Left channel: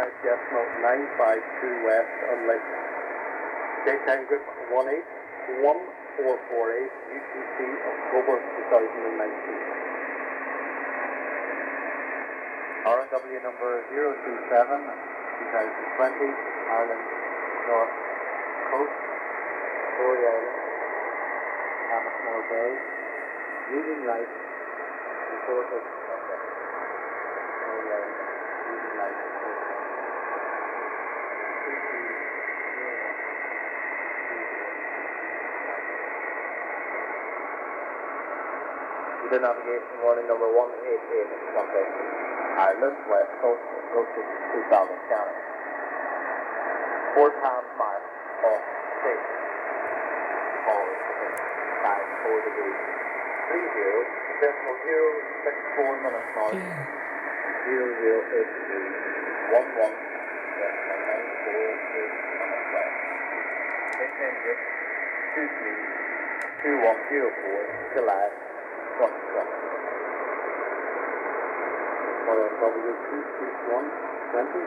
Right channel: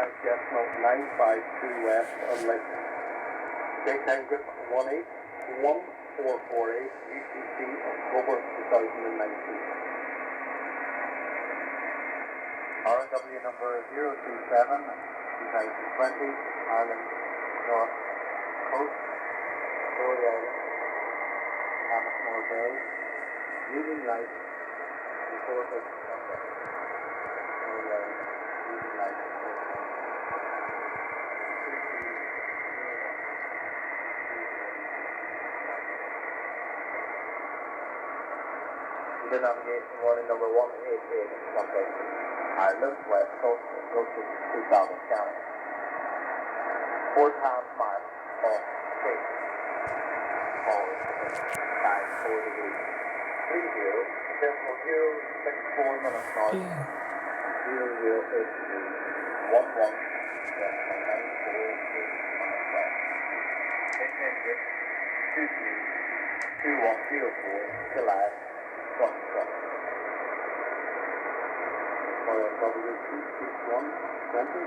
miles, decimal 952 west on Lake. Take time group 181448, UTC, October 2019. RW number 027, 2020, Malin, North Coast, Story Island, Hammersmore Bay, reading light, report of contact. Story Island, reading light, the navigation warning number 188, contact Ireland, West Coast, approaching 2000 County. 4 times mile off 6. Forward, 54 degrees. 30, decimal 064 minutes north. 0083, 11, decimal 948 minutes south. Take engine 232104, July 2020. For W26120.